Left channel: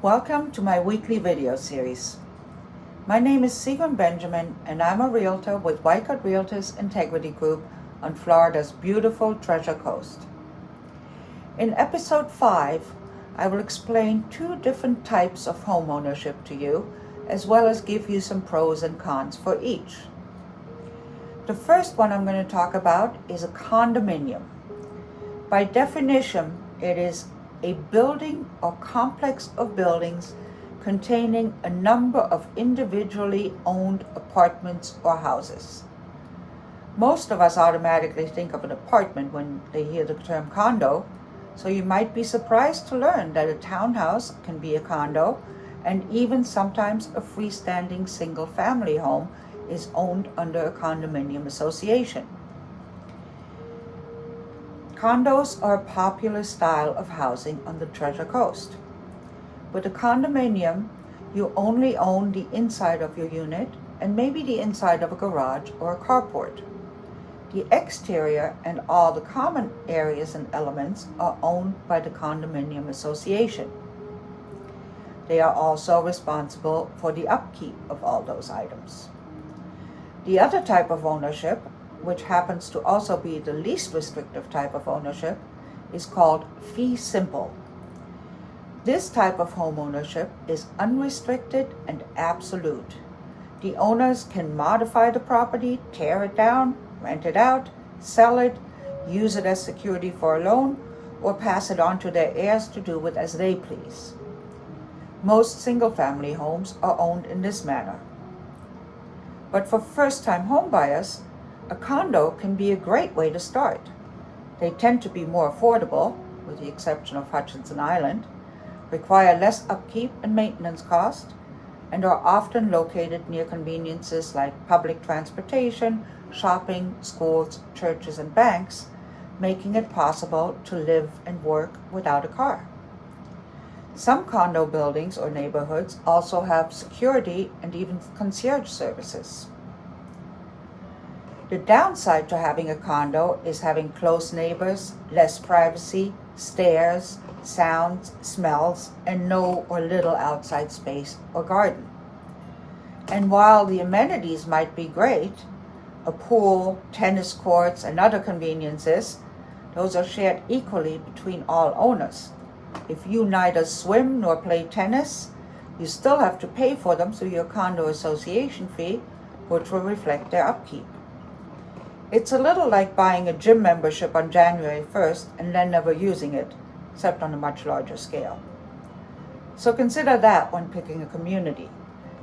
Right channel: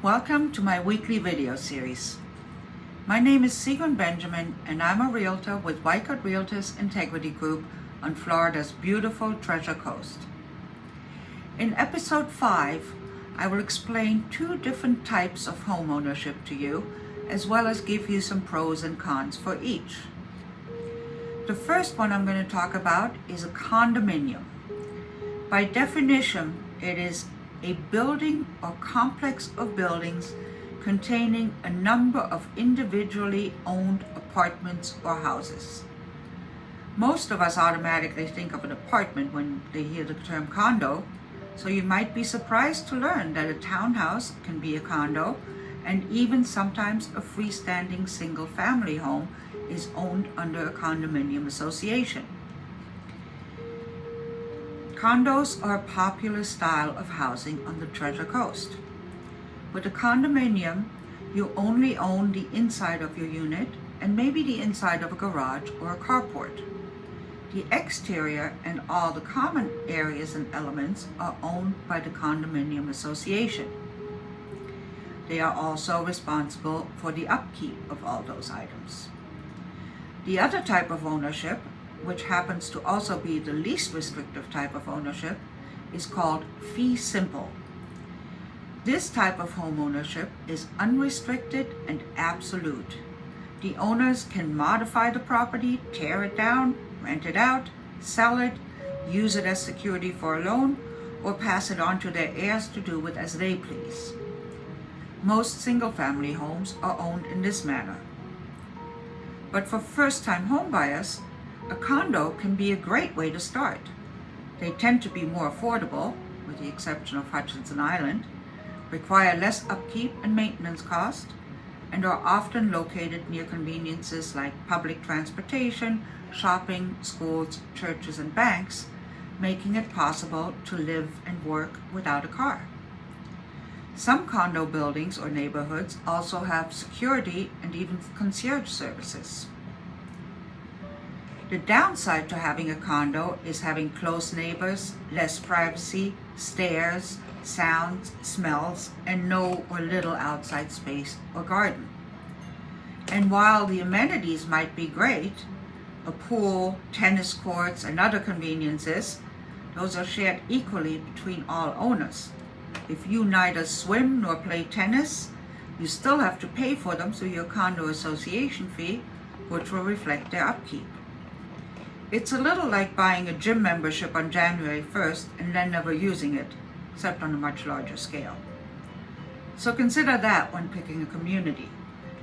Welcome to my weekly video series. My name is Sigrun Benjamin and I'm a realtor with Wycott Realtors Integrity Group on Florida's beautiful Treasure Coast. In episode 5, I will explain 2 different types of homeownership to you, as well as give you some pros and cons for each. The first one I'm going to talk about is a condominium. By definition, it is a building or complex of buildings containing a number of individually owned apartments or houses. Most of us automatically think of an apartment when they hear the term condo, so you might be surprised to learn that a townhouse can be a condo, and even sometimes a freestanding single-family home is owned under a condominium association. Condos are a popular style of housing on the Treasure Coast. With a condominium, you only own the inside of your unit and maybe the inside of a garage or a carport. The exterior and all the common areas and elements are owned by the condominium association. They are also responsible for the upkeep of all those items. The other type of ownership, which happens to also be the least restrictive type of ownership, is called fee simple. This type of home ownership is unrestricted and absolute. The owners can modify the property, tear it down, rent it out, sell it, use it as security for a loan, or pass it on to their heirs to do with as they please. Most single-family homes are owned in this manner. But for first-time home buyers, a condo can be a great way to start. They tend to be more affordable, with the exception of Hutchinson Island, require less upkeep and maintenance cost, and are often located near conveniences like public transportation, shopping, schools, churches, and banks, making it possible to live and work without a car. Some condo buildings or neighborhoods also have security and even concierge services. The downside to having a condo is having close neighbors, less privacy, stairs, sounds, smells, and no or little outside space or garden. And while the amenities might be great, a pool, tennis courts, and other conveniences, those are shared equally between all owners. If you neither swim nor play tennis, you still have to pay for them through your condo association fee, which will reflect their upkeep. It's a little like buying a gym membership on January 1st and then never using it, except on a much larger scale. So consider that when picking a community.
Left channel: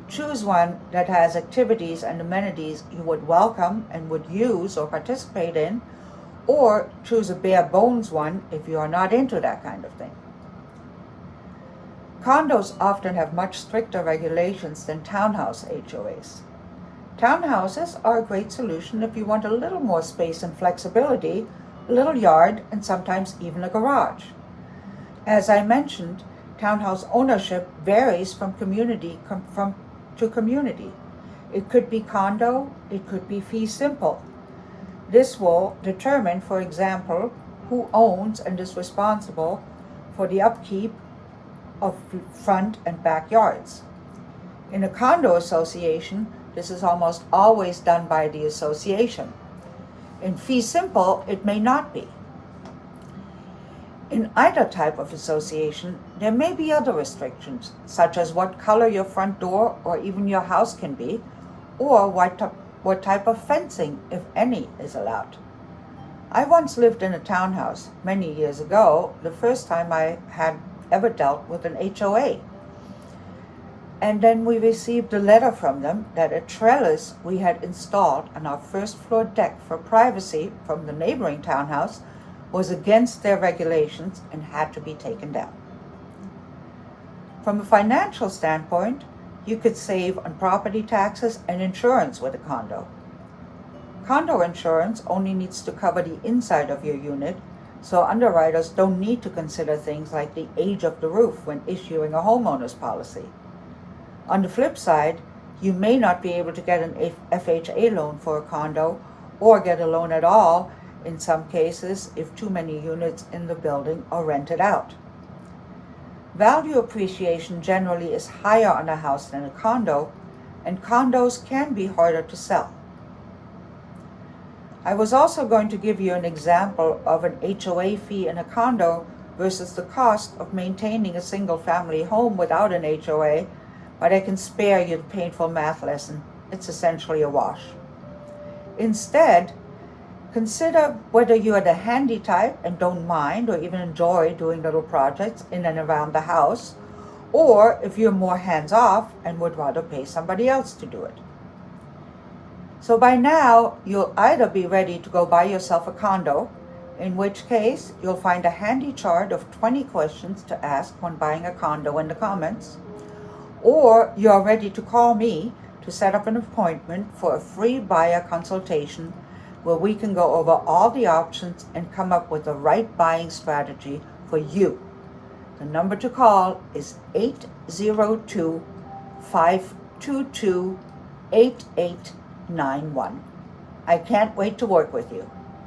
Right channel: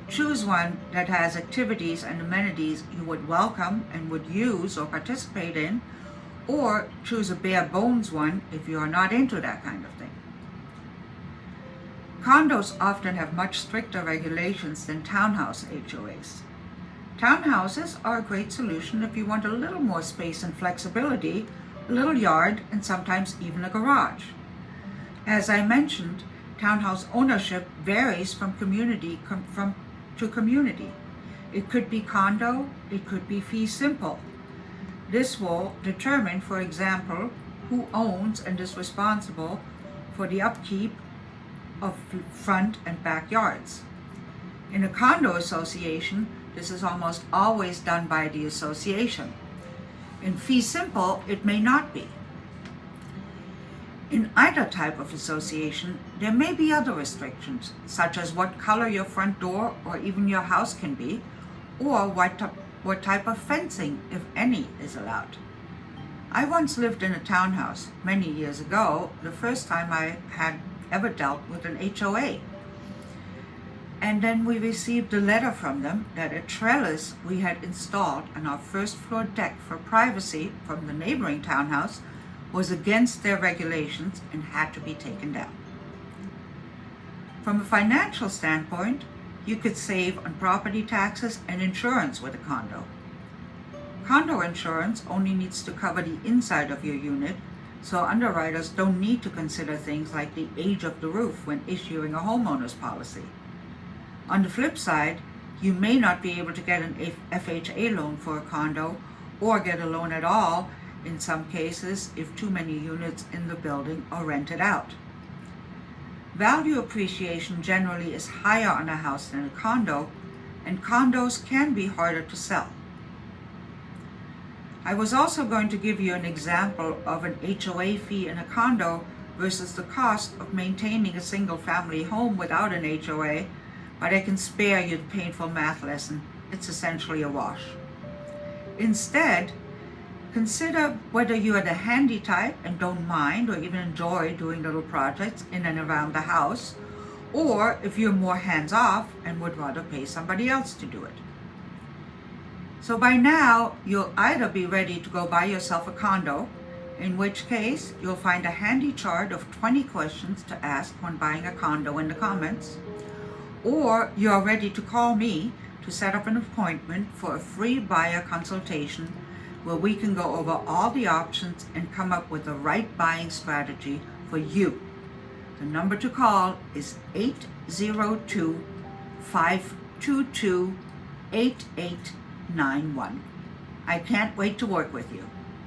Choose one that has activities and amenities you would welcome and would use or participate in, or choose a bare bones one if you are not into that kind of thing. Condos often have much stricter regulations than townhouse HOAs. Townhouses are a great solution if you want a little more space and flexibility, a little yard, and sometimes even a garage. As I mentioned, townhouse ownership varies from community to community. It could be condo, it could be fee simple. This will determine, for example, who owns and is responsible for the upkeep of front and backyards. In a condo association, this is almost always done by the association. In fee simple, it may not be. In either type of association, there may be other restrictions, such as what color your front door or even your house can be, or what type of fencing, if any, is allowed. I once lived in a townhouse many years ago, the first time I had ever dealt with an HOA. And then we received a letter from them that a trellis we had installed on our first floor deck for privacy from the neighboring townhouse was against their regulations and had to be taken down. From a financial standpoint, you could save on property taxes and insurance with a condo. Condo insurance only needs to cover the inside of your unit, so underwriters don't need to consider things like the age of the roof when issuing a homeowner's policy. On the flip side, you may not be able to get an FHA loan for a condo or get a loan at all in some cases if too many units in the building are rented out. Value appreciation generally is higher on a house than a condo, and condos can be harder to sell. I was also going to give you an example of an HOA fee in a condo versus the cost of maintaining a single-family home without an HOA, but I can spare you the painful math lesson. It's essentially a wash. Instead, consider whether you are the handy type and don't mind or even enjoy doing little projects in and around the house, or if you're more hands-off and would rather pay somebody else to do it. So by now, you'll either be ready to go buy yourself a condo, in which case you'll find a handy chart of 20 questions to ask when buying a condo in the comments, or you're ready to call me to set up an appointment for a free buyer consultation where we can go over all the options and come up with the right buying strategy for you. The number to call is 802-522-8891. I can't wait to work with you.